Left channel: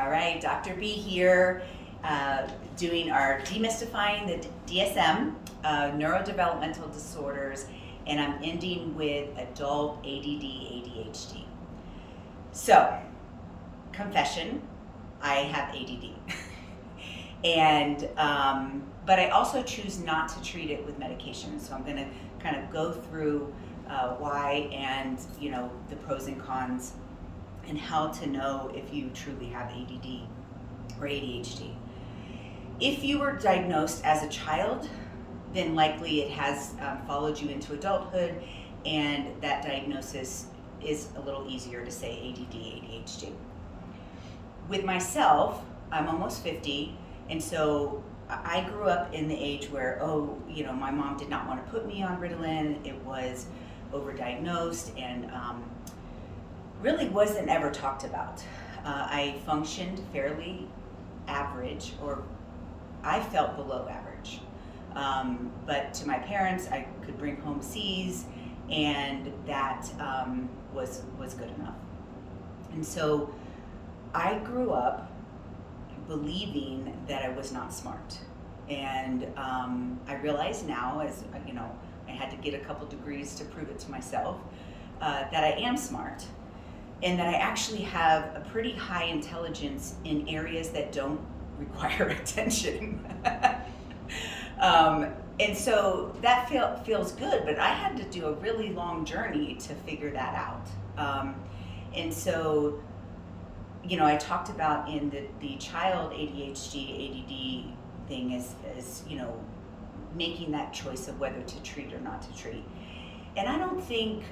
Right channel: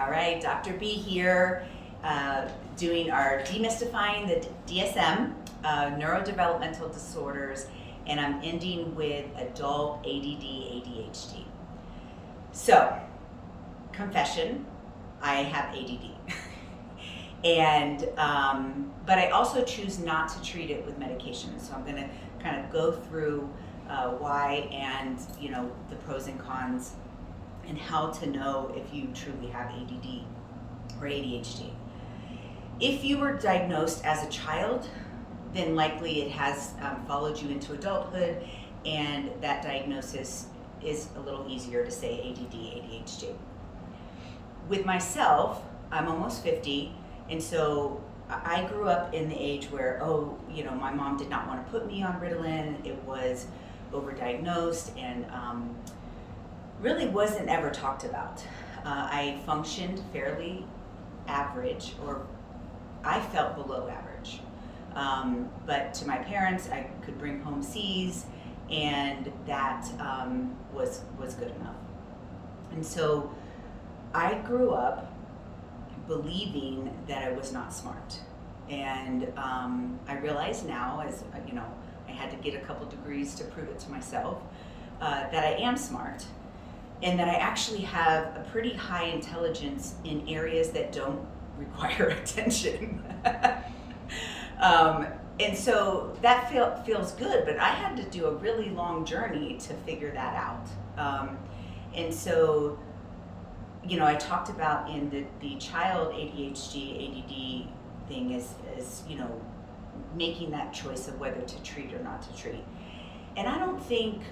All right, Dr. B here, doing our demystifying the DSM, neurodevelopmental disorders, and I'm ending with adult ADD ADHD. So, confession, I have ADD. And but I also choose not to treat it with medication. So I'm going to kind of go through why and the pros and cons and how to know if you truly have ADD or ADHD. If you were diagnosed as a child, then likely it has followed you into adulthood, and that diagnosis is a little easier to say ADD ADHD. With myself, I'm almost 50. And so I grew up in the age where, my mom did not want to put me on Ritalin. It was overdiagnosed and really wasn't ever talked about. I functioned fairly average, or I felt below average. But to my parents, I could bring home C's, and that was good enough. And so I grew up believing that I was not smart. And I realize now, as I had to get a couple degrees to prove it to myself, that I am smart, and that I actually have a pretty high intelligence in areas that don't require attention. And so that feels good, but I had to do a really long journey to figure that out. And so I talked about in the child ADHD, ADD thing is making that choice of whether to treat or not to treat. And I don't think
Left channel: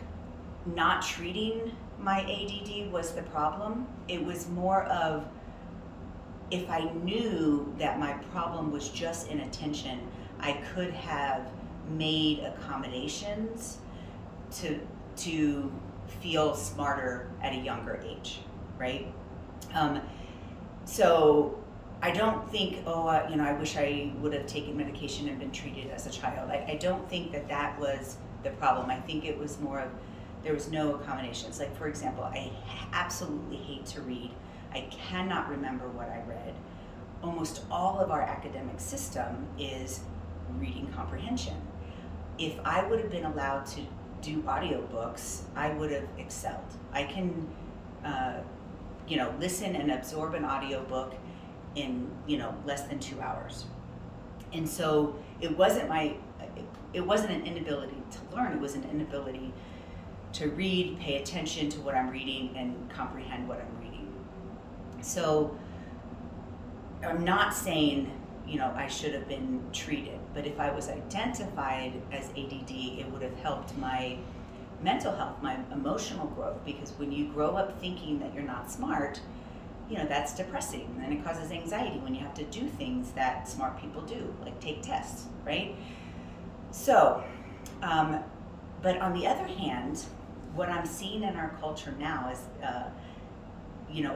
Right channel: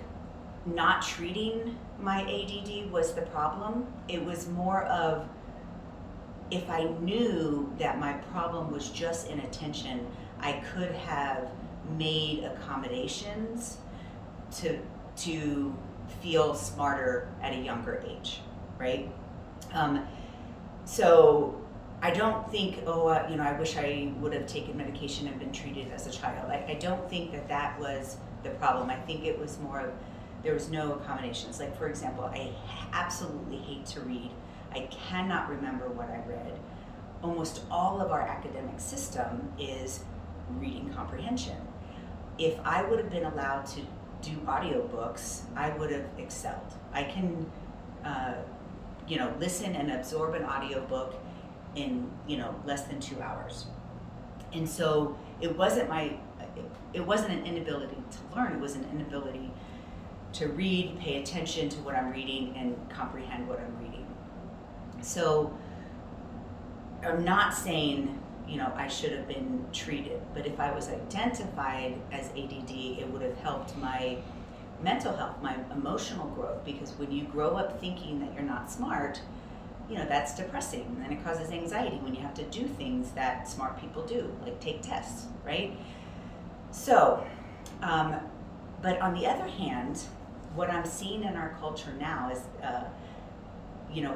not treating my ADD was the problem. It was more of, if I knew that my problem was just inattention, I could have made accommodations to feel smarter at a younger age, right? So I don't think, I wish I would have taken medication and been treated as a child. I don't think that was the problem. I think it was more of, there was no accommodations. Like, for example, I absolutely hate to read. I cannot remember what I read. Almost all of our academic system is reading comprehension. If I would have been allowed to do audiobooks, I would have excelled. I can listen and absorb an audiobook in, less than 2 hours. And so it wasn't an inability to learn, it was an inability to read, pay attention to what I'm reading, and comprehend what I'm reading. So I'm not saying, I should have been treated, but if I was identified as ADD, it would have helped my mental health, my emotional growth, because when you grow up thinking that you're not smart, that's depressing, and it causes anxiety when you have to do things that smart people do, like take tests, right? So, but on the other hand, what I'm seeing in our culture now is,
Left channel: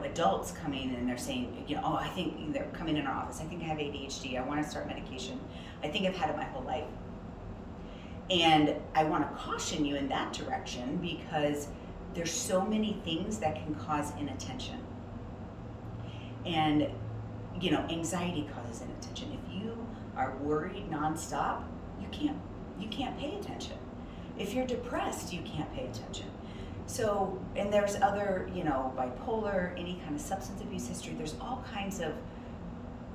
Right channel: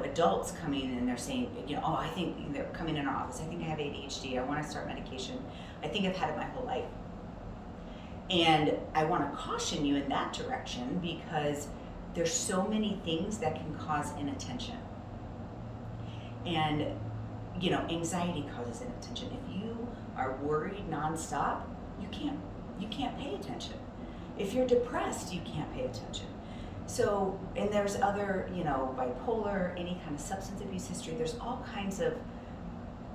adults coming and they're saying, I think they're coming in our office, I think I have ADHD, I want to start medication, I think I've had it my whole life. And I want to caution you in that direction, because there's so many things that can cause inattention. And, anxiety causes inattention. If you are worried nonstop, you can't pay attention. If you're depressed, you can't pay attention. So, and there's other, bipolar, any kind of substance abuse history, there's all kinds of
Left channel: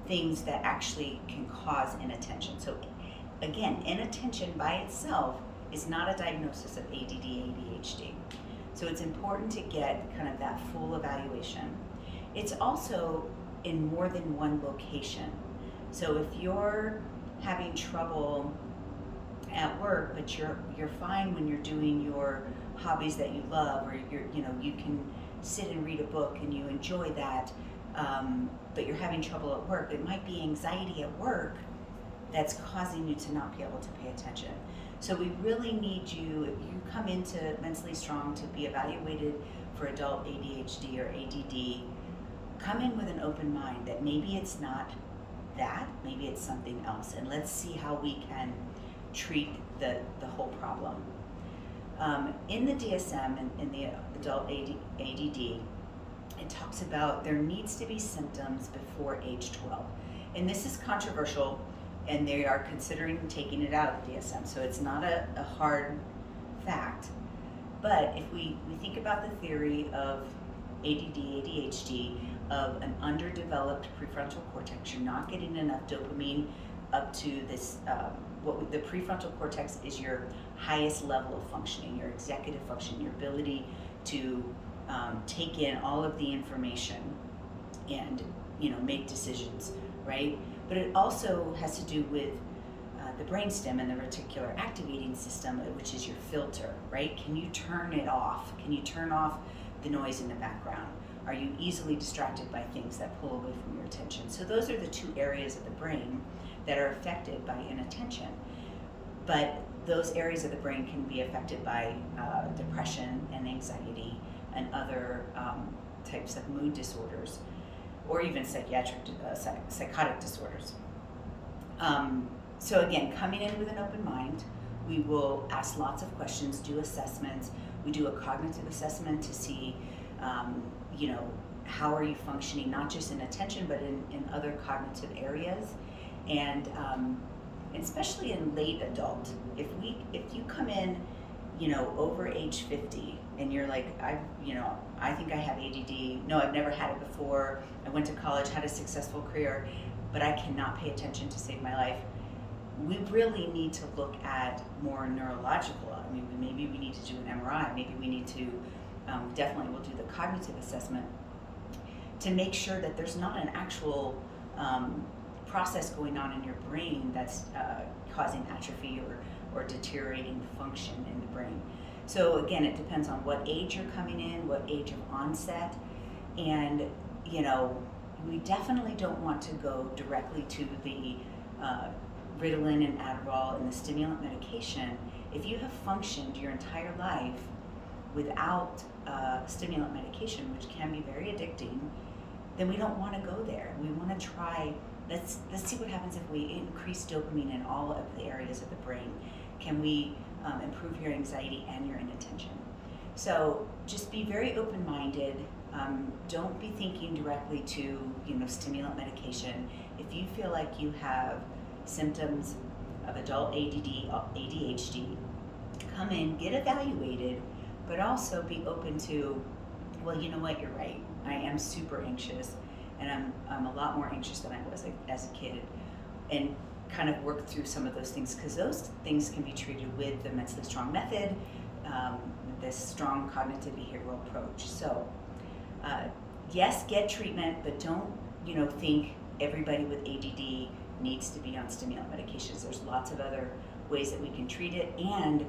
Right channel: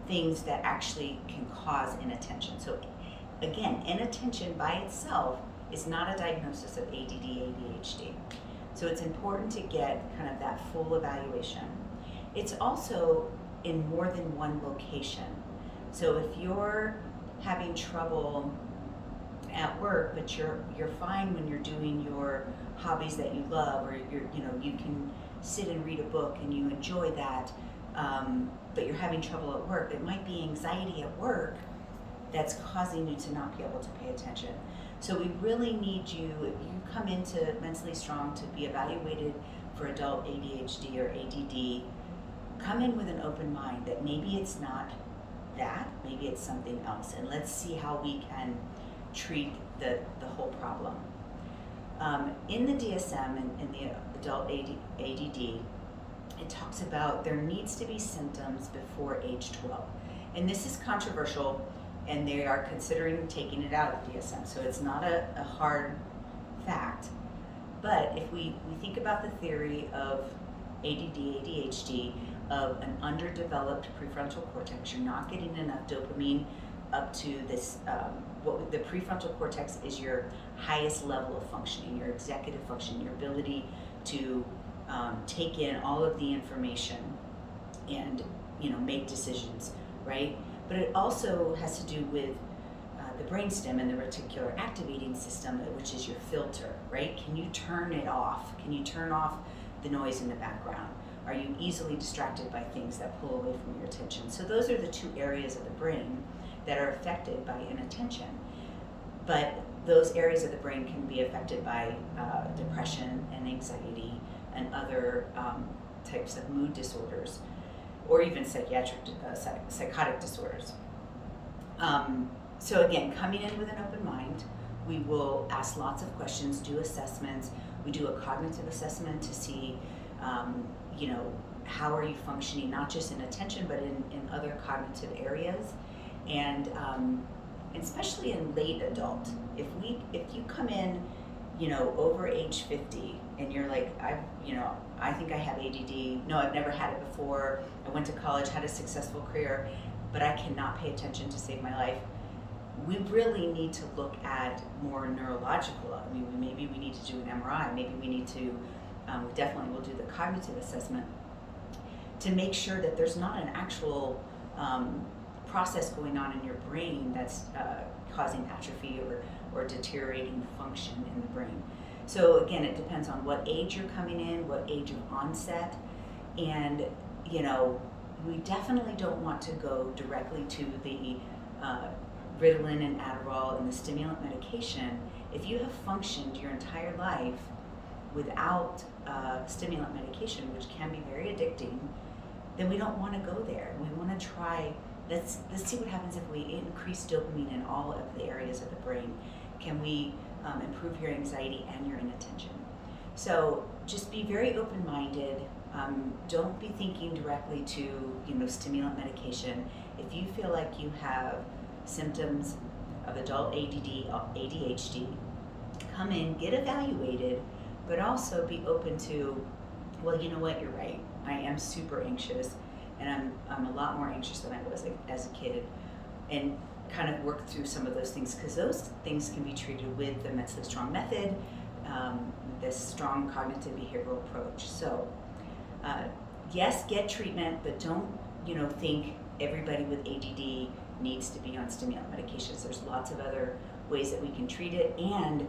things that actually can cause inattention. So again, inattention by itself is not a diagnosis of ADD, ADHD. So it's important to get kind of that full evaluation. It's also in more than one location. So if you're having trouble at work, but you're fine when you're doing your hobbies that you love, or you can sit and read a book and you enjoy that, but you're having trouble at work, it might be anxiety at work that's causing you to not be able to pay attention. So we really need you, if you come into Mentally Strong to be evaluated for adult ADHD or ADD, come in with an open mind that maybe it's not that, maybe it's something else, and let's see how we can treat the whole problem. In the DSM and in the adult ADD, it talks about there needs to be symptoms before age 12. And this is controversial, and they are considering taking it out of the DSM, so it's not a hard fact. But if we think about the theory of ADD, ADHD, of an underdeveloped prefrontal cortex, you're not getting enough dopamine up to this, the prefrontal cortex is your highest level of functioning, your executive function, your ability to take in all of the information and make decisions, right? But it also has to do with the brainstem and the reticular activating system, which is your filter, right? Can you turn it off? Can you turn off the noise in the background? Are you easily distracted by things that pull away from your attention? So those are the two areas of the brain that are affected by inattention. But those areas of the brain can be affected by depression and anxiety and other types of mood disorders, or even psychotic disorders. So again, coming in with an open mind, we will ask lots of questions, do assessments. We do a cognitive assessment to see, how are you functioning, not just in attention, but in other cognitive areas. And especially in late adult, if you come in, over age 50 and you're like, I think I have ADD. No, I've never had it before. I went to college, had a successful career, but I cannot pay attention to save my life. We really need to look at more neurological. I mean, maybe we need to do an MRI. Maybe we need to, we definitely will do the cognitive assessment to make sure that there's not an actual process going on in your brain that's causing atrophy or deteriorating function in the brain. So again, it depends on what age you're coming in, what age of onset, and we definitely don't want to go directly to the Ritalin and Adderall and the stimulant medication. If you have functioned your entire life without stimulant medication, which can be very addicting, then we don't want to go there. We want to try, let's see what happens if we increase dopamine in all of the areas of the brain. Can we improve your anxiety and your inattention? So just be very open-minded. Don't be thinking directly to stimulant medication. If you feel like you have symptoms of adult ADD, ADHD, come in, get evaluated, but also be open to, well, you know what, you're right. I am super anxious, and I'm a lot more anxious than I was as a kid, and kind of work through some of those things, because those things can be treated with the Mentally Strong method, this strong cognitive behavioral approach. So yes, get treatment, but don't think everybody with ADD needs to be on stimulant medications. There's lots of other ways that we can treat it, and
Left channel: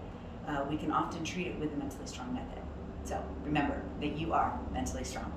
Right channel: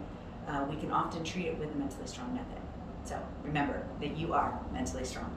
we can often treat it with the Mentally Strong method. So remember that you are mentally strong.